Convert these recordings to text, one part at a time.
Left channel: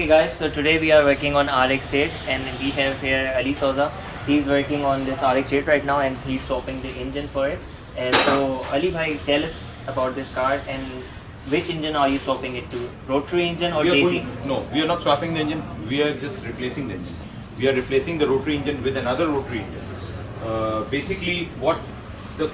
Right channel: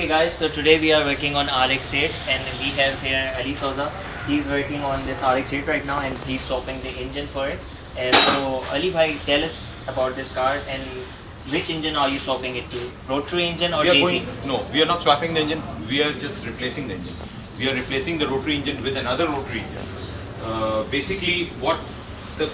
Okay guys, so today we are working on Rx8 and we have here Ali Souza. He's working on this Rx8 right now and he's swapping the engine for it. So Ali bhai, tell us about this car and which engine are you swapping it to? Rotary engine or JC? No, we are not swapping the engine. We are just replacing the engine. We are replacing the rotary engine with another rotary engine. Basically, what the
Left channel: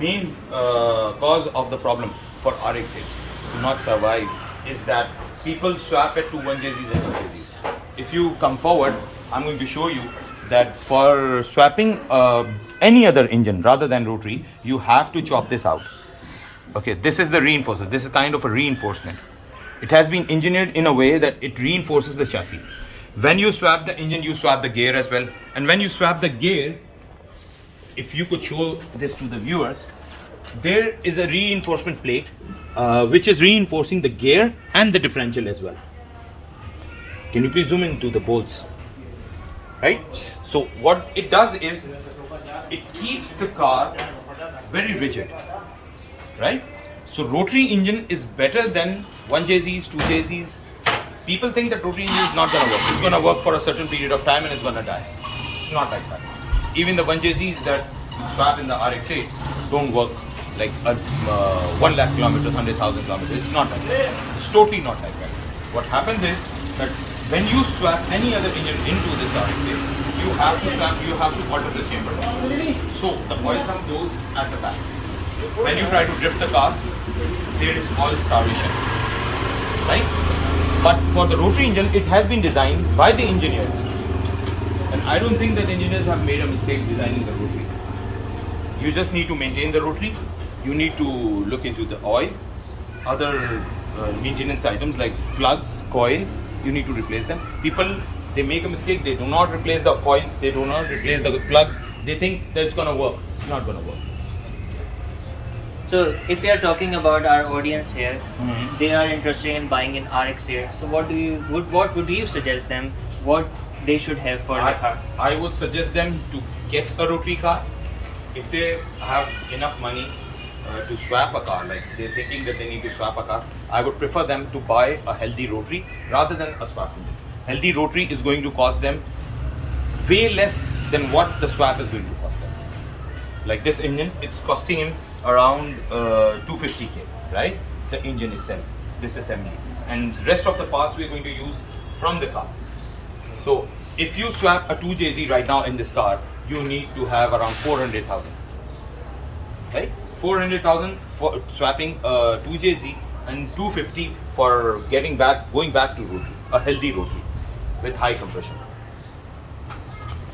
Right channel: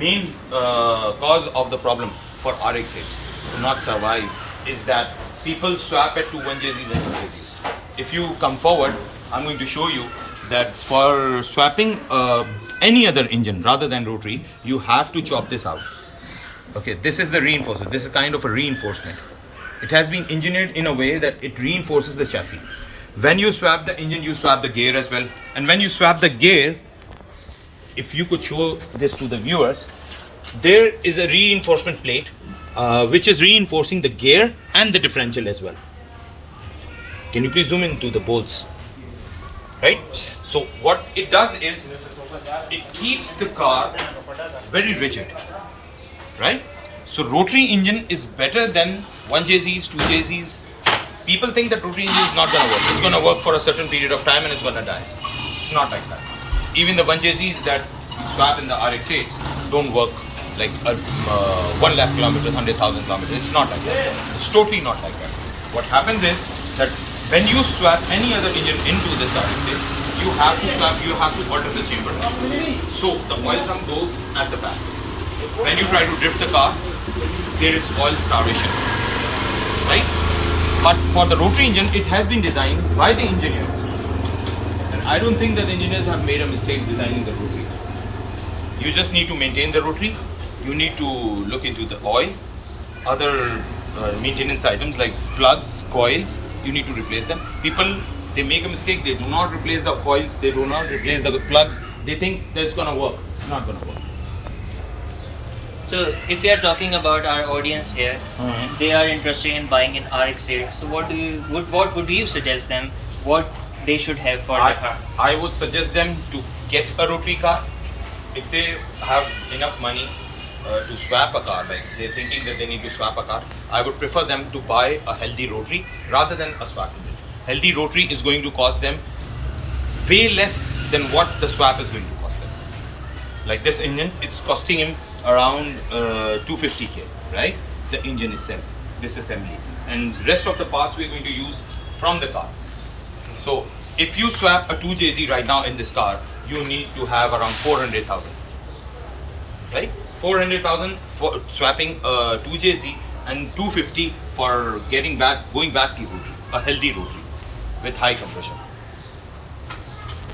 main cause of the problem for Rx8 to not survive is that people swap at 1JZs and 2JZs. If you come forward, I'm going to show you that for swapping any other engine rather than rotary, you have to chop this out. Okay, this is the reinforcer. This is kind of a reinforcement. It has been engineered in a way that it reinforces the chassis. When you swap the engine, you swap the gear as well. And when you swap the gear, if you could show this to the viewers, there is a reinforcement plate which is reinforcing the gear and the differential as well. Can you please zoom into the bolts? Right? So what it does is it keeps the car very rigid. Right? So rotary engine is better than 1JZs, 2JZs. People think that rotary engine is not going to work. It's going to work for a certain period of time and it's going to die. It's not like that. Even the 1JZs that we swap in the Rx8s don't work like 1 lakh kilometers, 100,000 kilometers. It's not like that. It's totally not like that. What happens is that when you swap any other engine into this Rx8, you have to alter the chamber. So the oil sump goes at the back. When you try to drift the car, there is oil starvation, right? But for the rotary engine, it has been designed by the engineers. And I don't think that engineers have made a mistake designing the rotary. You just need to maintain the rotary. You need to look into the oil, other maintenance items like plugs, coils. You need to replace them. People, they make a mistake. They do not replace the coils. They do not replace the plugs. They think that it's going to work. It's not going to work. So if we are talking about our audience here, they are interested in buying an Rx8. So what would you suggest them? What they should have for the car? I would suggest them to get a rotary car. If they have enough money to swap a car, like they're thinking that they need to swap a car, I would prefer them to buy a healthy rotary rather than a swap engine. Healthy rotary is going to cost them way less than what the swap is going to cost them. Like this engine, it's costing him around 250k, right? The engine itself, this assembly, and rest of the parts we're going to use from the car. So if you swap a 2JZ right now in this car, you need to have around 400,000, right? 400,000 for swapping a 2JZ and 250 for going back to rotary, a healthy rotary with high compression.